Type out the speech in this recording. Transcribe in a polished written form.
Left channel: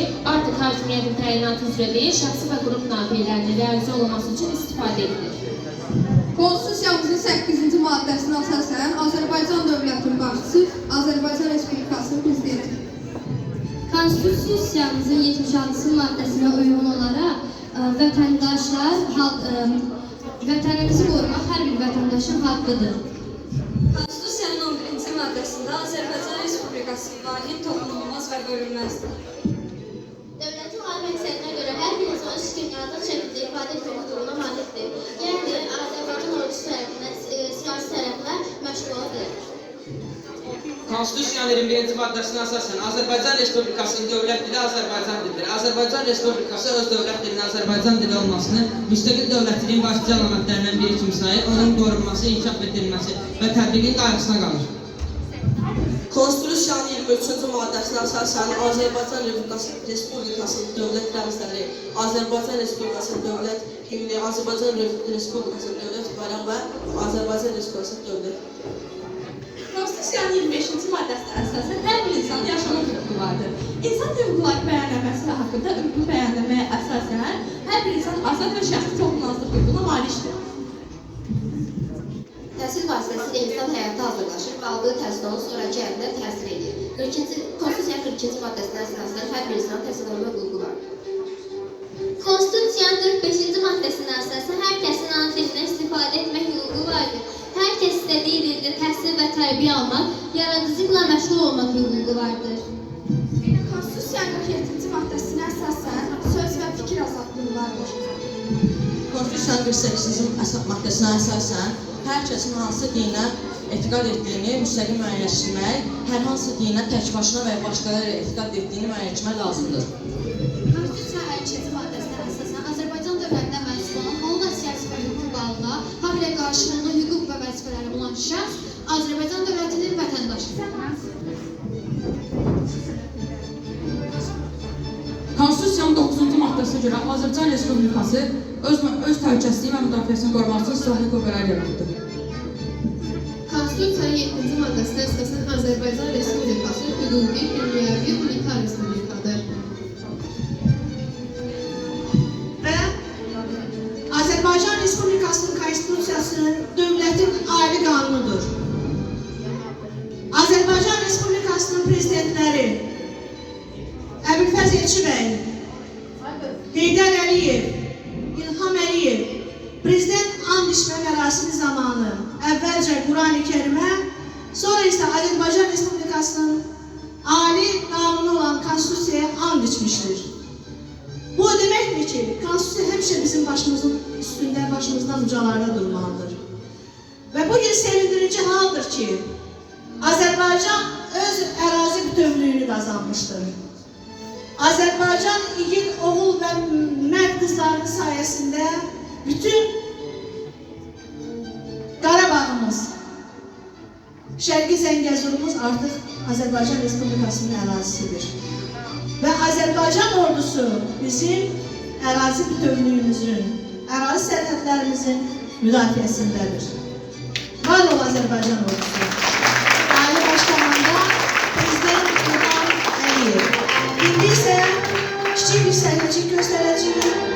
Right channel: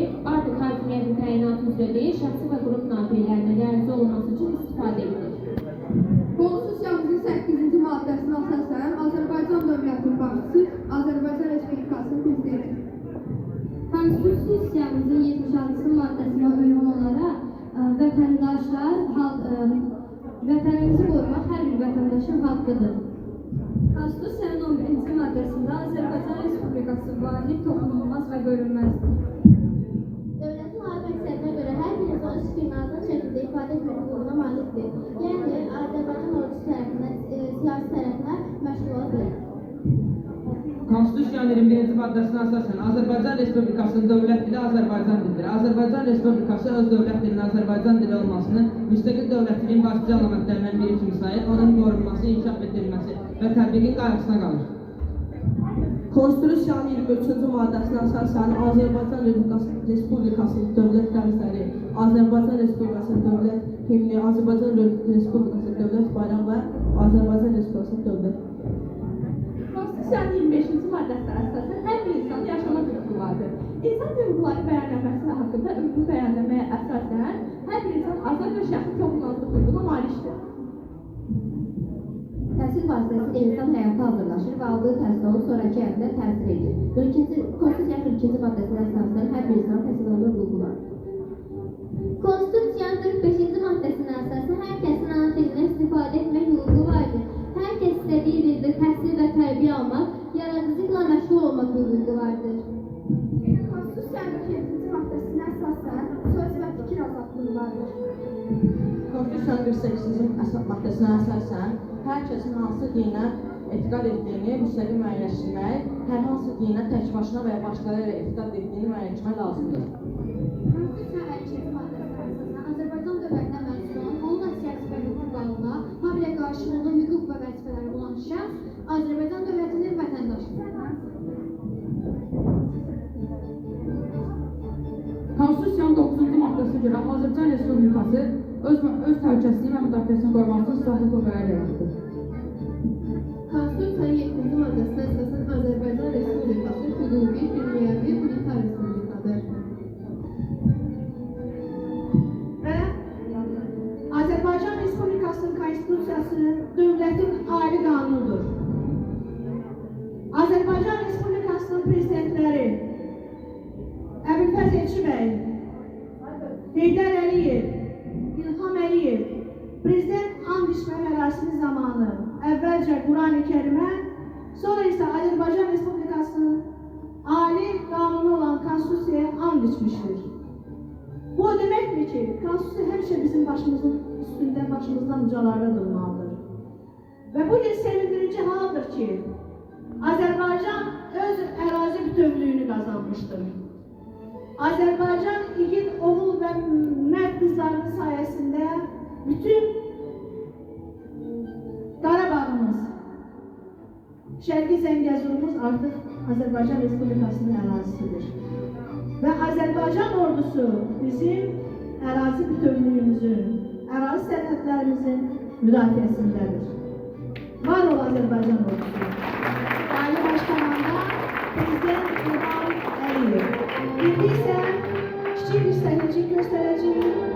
ki, artıq hakimiyyətin təyinatı üzrə deyil, şəxsi və qrup nafiyyələrinin realizə olunması üçün istifadə edilir. Konstitusiyamızın 8-ci maddəsinə əsasən Azərbaycan dövlətinin başçısı Azərbaycan Respublikasının prezidenti. Konstitusiyamızın 76-cı maddəsinə uyğun olaraq vətənimizi qorumaq hər bir vətəndaşın haqqıdır. Konstitusiyanın 11-ci maddəsində Azərbaycan Respublikası vahid, toxunulmaz və bölünməzdir. Dövlətin ali məqsədinə görə hər bir insan öz fikrini azad şəkildə ifadə etmək hüququna malikdir. Yəni, Azərbaycan ordusu tərəfindən, siyasi tərəflər məşğul ola bilər. Konstitusiyanın 21-ci maddəsinə əsasən Azərbaycan Respublikasının dövlət dili Azərbaycan dilidir. Azərbaycan Respublikası öz dövlət dilinin Azərbaycan dili olmasını müstəqil dövlətçiliyin başlıca əlamətlərindən biri kimi sayır, onun qorunması, inkişaf etdirilməsi və tətbiqin qayğısına qalır. Konstitusiyanın 23-cü maddəsinə əsasən Azərbaycan Respublikasının dövlət rəmzləri, Azərbaycan Respublikasının dövlət himni, Azərbaycan Respublikasının dövlət bayrağı və Azərbaycan Respublikasının dövlət. Konstitusiyanın 25-ci maddəsinə əsasən hər bir insanın yaşamaq hüququ vardır. İnsan hüquqları bəyənləməsi haqqında hüququ bəyənləməyə əsasən hər bir insan azad və şəxsi toxunulmazlıq hüququna malikdir. Təhsil vasitəsilə insan həyata hazırlaşır və aldığı təhsil onun sonraki həyatına təsir edir. Konstitusiyanın 42-ci maddəsinə əsasən hər bir insanın təhsil alma hüququ var. Konstitusiyanın 45-ci maddəsinə əsasən hər kəsin ana dilindən istifadə etmək hüququ vardır. Hər kəs istədiyi dildə təhsil və tərbiyə almaq, yaradıcılıqla məşğul olmaq hüququ vardır. Konstitusiyanın 47-ci maddəsinə əsasən söz və fikir azadlığı vardır. Konstitusiyanın 48-ci maddəsinə əsasən hər kəsin hansı dinə etiqad etdiyini müstəqil müəyyənləşdirmək, hər hansı dinə tək başına və ya başqaları etiqad etdiyini müəyyənləşdirmək lazımdır. Konstitusiyanın 52-ci maddəsinə əsasən Azərbaycan dövlətinə mənsub olan hüquq və siyasi və hüquq bağına, haqq ilə qarşılıqlı hüquq və vəzifələri olan şəxs Azərbaycan dövlətinin vətəndaşıdır. Konstitusiyanın 9-cu maddəsinə görə Azərbaycan Respublikası öz təhlükəsizliyi və müdafiəsini qorumaq üçün silahlı qüvvələr yaratdı. Konstitusiyanın 7-ci maddəsinə əsasən Azərbaycan Respublikası hüquqi, dünyəvi, unitar respublikadır. Və Azərbaycan Respublikasının Konstitusiyası dövlətin ali qanunudur. Azərbaycan Respublikasının prezidentləri Əbülfəz Elçibəy, Heydər Əliyev, İlham Əliyev prezident and içmə mərasimi zamanı əvvəlcə Qurani Kərimə, sonra isə Azərbaycan Respublikasının ali qanunu olan Konstitusiyaya and içmişdir. Bu deməkdir ki, Konstitusiya həmişə bizim başımızın üstündə, başımızdan ucalarda durmalıdır. Və bugün sevindirici haldır ki, Azərbaycan öz ərazi bütövlüyünü qazanmışdır. Azərbaycan igid oğul və mərd qızlarının sayəsində bütün Qarabağımız, Şərqi Zəngəzurumuz artıq Azərbaycan Respublikasının ərazisidir. Və Azərbaycan ordusu bizim ərazi bütövlüyümüzün, ərazi sərhədlərimizin müdafiəsindədir. Var ol Azərbaycan ordusu. Ali Başkomanda Prezident İlham Əliyev. İndi isə kiçik bir sərhədçik göstərəcəyik.